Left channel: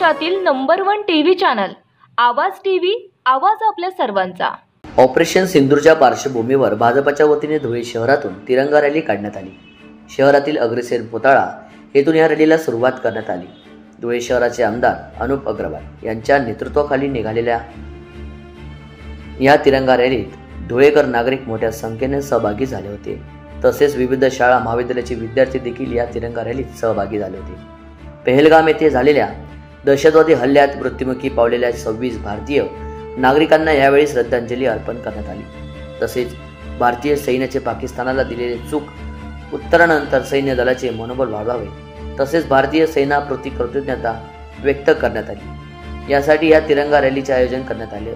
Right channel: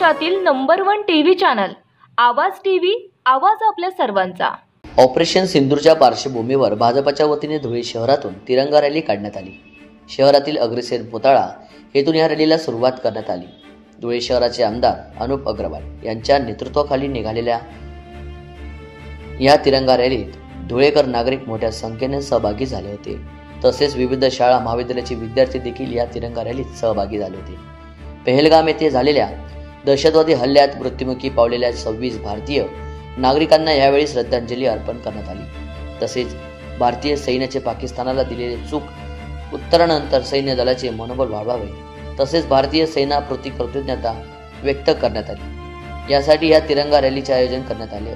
महाराष्ट्रातील number 1 TV channel आवाज TV, आवाज आपल्या सर्वांचा। ऑपरेशन सिंदूरच्या पार्श्वभूमीवर भाजपच्या वतीने धुळे शहरातून तिरंगा रॅली काढण्यात आली। शहरातील अग्रसेन पुतळा येथून या रॅलीला सुरुवात करण्यात आली। धुळे शहराचे आमदार अनुप अग्रवाल यांच्या नेतृत्वाखाली निघालेल्या या तिरंगा रॅलीत धुळेकर नागरिक मोठ्या संख्येने सहभागी झाले होते। तसेच विविध शाळा महाविद्यालयाचे विद्यार्थी देखील या तिरंगा रॅलीत सहभागी झाले होते। पहलगाम येथे झालेल्या दहशतवादी हल्ल्यात मृत्युमुखी पावलेल्या 26 भारतीय नागरिकांना यावेळी श्रद्धांजली अर्पण करण्यात आली। तसेच भारतीय सैन्याचे पाकिस्तानाला दिलेले चूक उत्तरानंतर सैन्य दलाचे मनोबल वाढवावे तसेच भारतीय सैन्याप्रती कृतज्ञता व्यक्त करण्यात आली। यासाठी या तिरंगा रॅलीचे आयोजन करण्यात आले।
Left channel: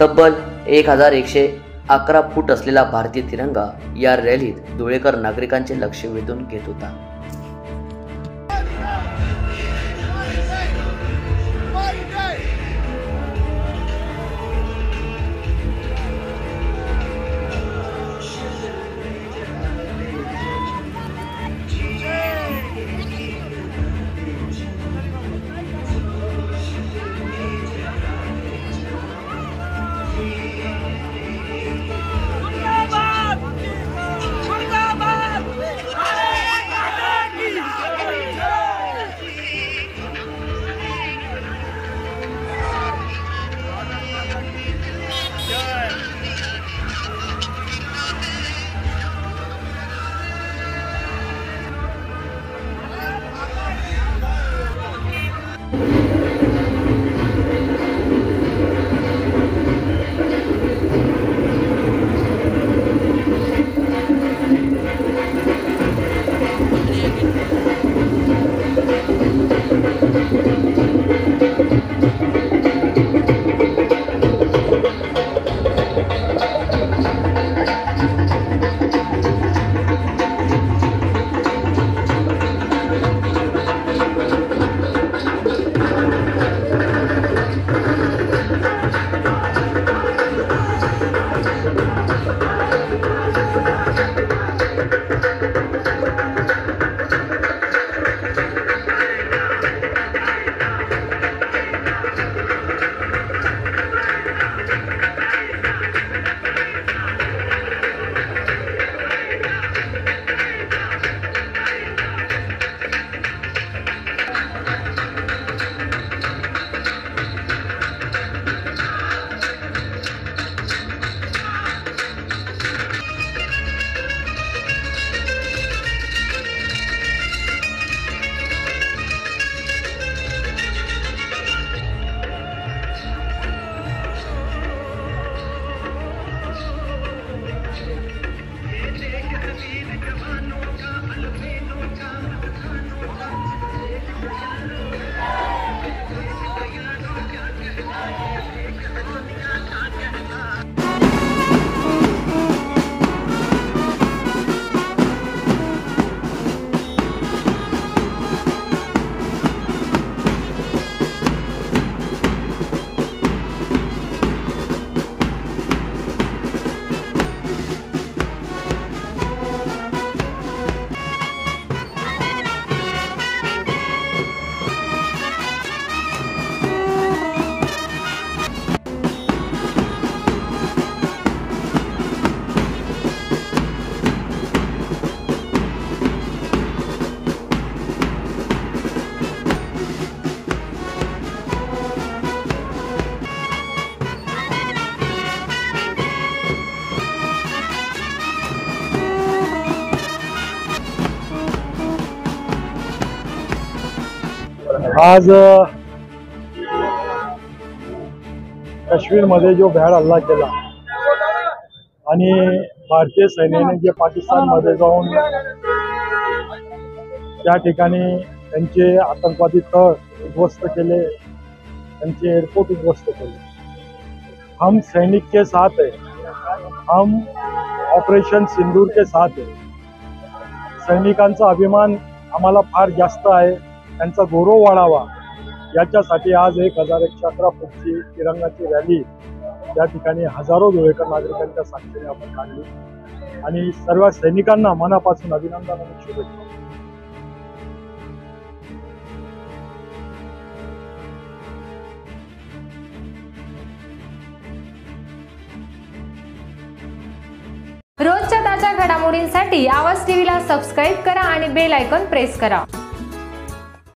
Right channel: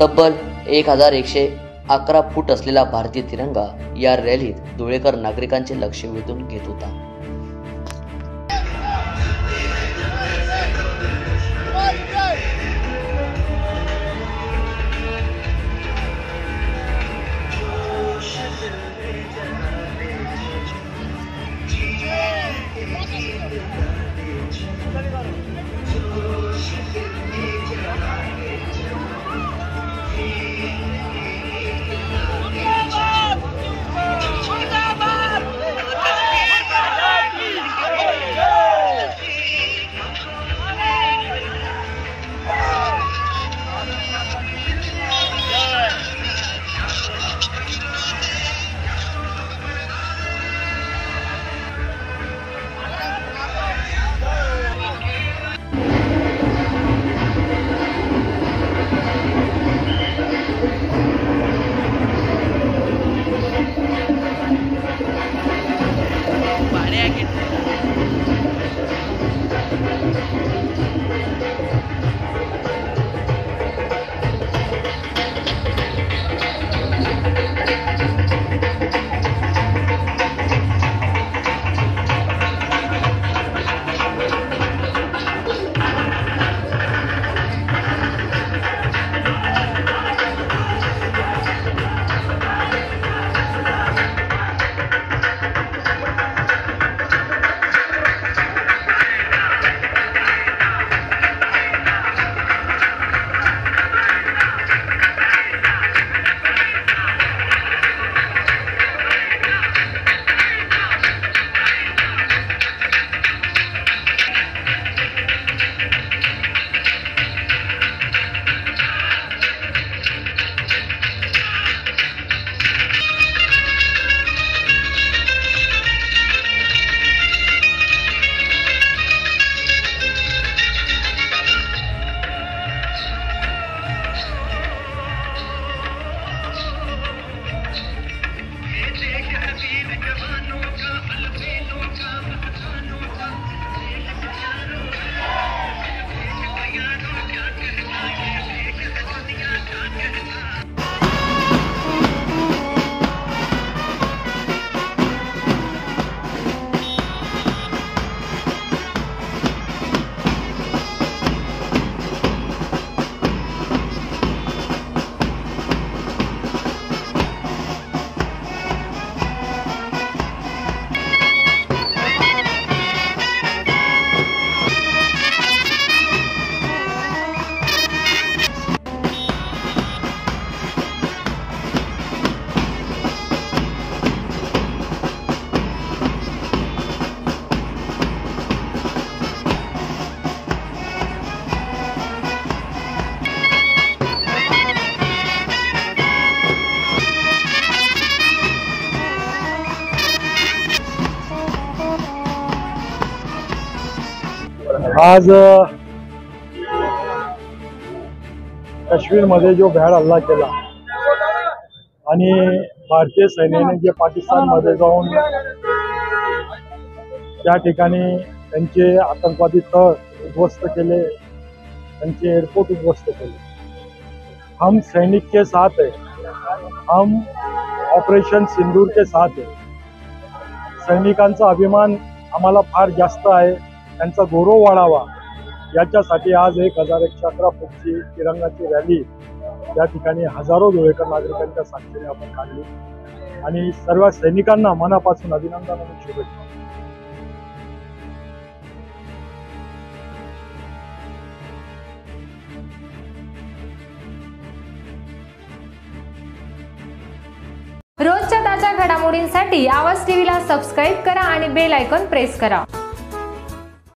तब्बल 1111 फूट असलेला भारतीय तिरंगा या रॅलीत धुळेकर नागरिकांचे लक्ष वेधून घेत होता। आज काश्मीरमध्ये जो भ्याड हल्ला केला आणि भारतीय सैन्याने जे पाकिस्तानमध्ये जाऊन त्या ठिकाणी त्यांचे आतंकवादी तळ उद्ध्वस्त केले, त्यांचे एअरपोर्ट उद्ध्वस्त केले। हम सैनिक के साथ है, हम ऑपरेशन सिंदूर के साथ है। सैनिकांचा अभिमान आम्हाला फार जास्त आहे, त्यांचा गौरव वाढावा याच्यासाठी आज 1111 फूटची तिरंगाची रॅली या ठिकाणी हजारो धुळेकर नागरिकांच्या साक्षीने आपण काढली आणि सर्व सैनिकांना मनापासून अभिनंदन आणि शुभेच्छा। रोजच्या ताज्या घडामोडींसाठी आवाज टीव्हीला सबस्क्राईब करा आणि बेल आयकॉन प्रेस करा.